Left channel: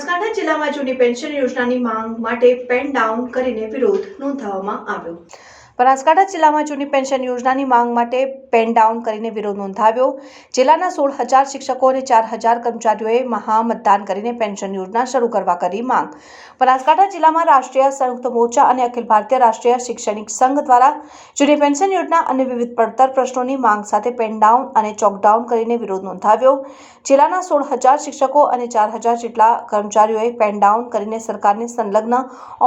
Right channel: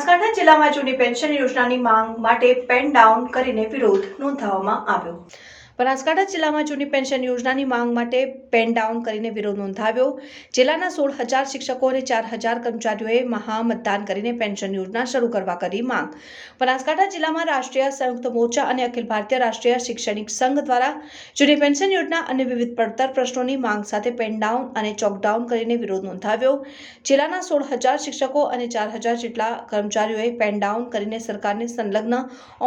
બનાસકાંઠા જિલ્લામાં જૂની પેન્શન યોજનાની માંગ માટે પેન ડાઉન કરીને વિરોધ નોંધાવવામાં આવ્યો. બનાસકાંઠા જિલ્લામાં જૂની પેન્શન યોજનાની માંગ માટે પેન ડાઉન કરીને વિરોધ નોંધાવ્યો. જિલ્લાના સોળ હજાર શિક્ષકો અને ચાર હજાર કર્મચારીઓએ મહામતદાન કરીને પેન્શન યોજના શરૂ કરવા કરી માંગ. બનાસકાંઠા જિલ્લામાં રાષ્ટ્રીય સંયુક્ત મોરચા અને અખિલ ભારતીય રાષ્ટ્રીય શૈક્ષણિક સંઘ દ્વારા જૂની પેન્શન યોજના અને વિવિધ પડતર પ્રશ્નોની માંગ સાથે પેન ડાઉન અને ચોકડાઉન કરીને વિરોધ નોંધાવ્યો. જિલ્લાના સોળ હજાર શિક્ષકો અને ચાર હજાર જેટલા કર્મચારીઓએ પેન ડાઉન કરીને સરકારની સંલગ્ન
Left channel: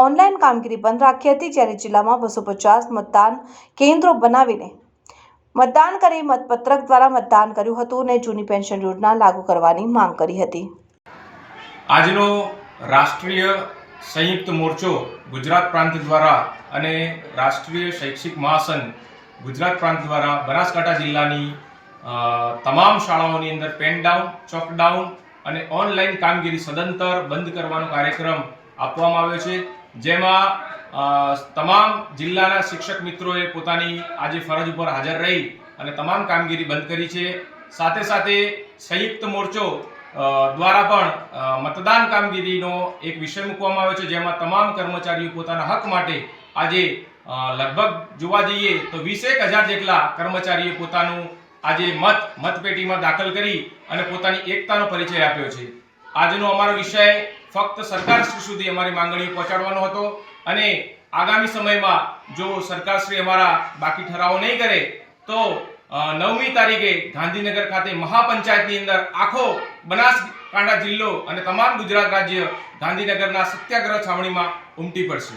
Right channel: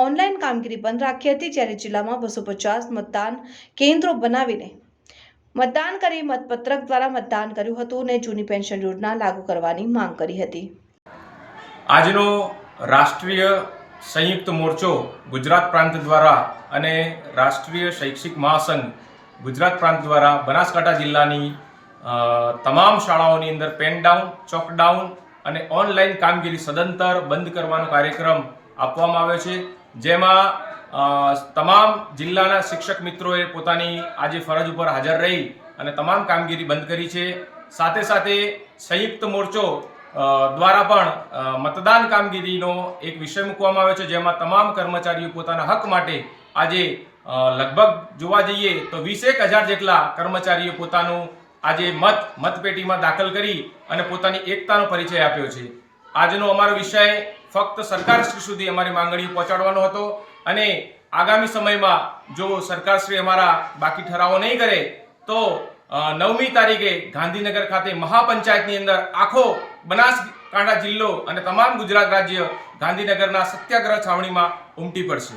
ઓનલાઈન કામગીરી બંધ રાખી હતી, જ્યારે જિલ્લામાં બસો પચાસ મતદાન કેન્દ્રો બનાવીને મતદાન કરી મતપત્રક દ્વારા મતદાન કર્યું હતું અને જૂની પેન્શન યોજના લાગુ કરવાની માંગ કરી હતી. આજનો રાષ્ટ્રીય સંયુક્ત મોરચો ગુજરાત પ્રાંત દ્વારા અને રાષ્ટ્રીય શૈક્ષિક મહાસંઘ ગુજરાત પ્રાંત દ્વારા બનાસકાંઠા જિલ્લાની તમામ શાળાઓની અંદર પેન ડાઉન ચોક ડાઉન અને ઓનલાઈન કામગીરી સદંતર બંધ કરવાનો કાર્યક્રમ આપવામાં આવ્યો છે. જેમાં તમામ જિલ્લાના શિક્ષક મિત્રોએ પોતાની આજે ફરજ ઉપર હાજર રહી અને તમામ કામગીરી બંધ કરી છે. સાથે સાથે સંયુક્ત મોરચો દ્વારા પણ મતદાન કામગીરીનો એક વિષય મૂકવામાં આવ્યો છે, જેમાં તમામ કર્મચારીઓ પોતાના હક માટે આજે લગભગ જોવા જઈએ તો વીસેક હજાર જેટલા કર્મચારીઓ પોતાનું આજે મત, મતપેટીમાં દાખલ કરી અને પોતાની એકતાનો પરિચય આપ્યો છે. આજનો અમારો વિષય ફક્ત સરકાર સુધી અમારી માંગણીઓ પહોંચાડવાનો હતો. અને આગામી સમયમાં જો સરકારશ્રી અમારા બાકી ઠરાવો નહીં કરે, તો નવમી તારીખે ગાંધીનગર ખાતે મહાપંચાયતની અંદર આખો બનાસકાંઠા જિલ્લો અને તમામ ગુજરાત રાજ્ય ગાંધીનગરના સત્યાગ્રહ છાવણીમાં ઉમટી પડશે.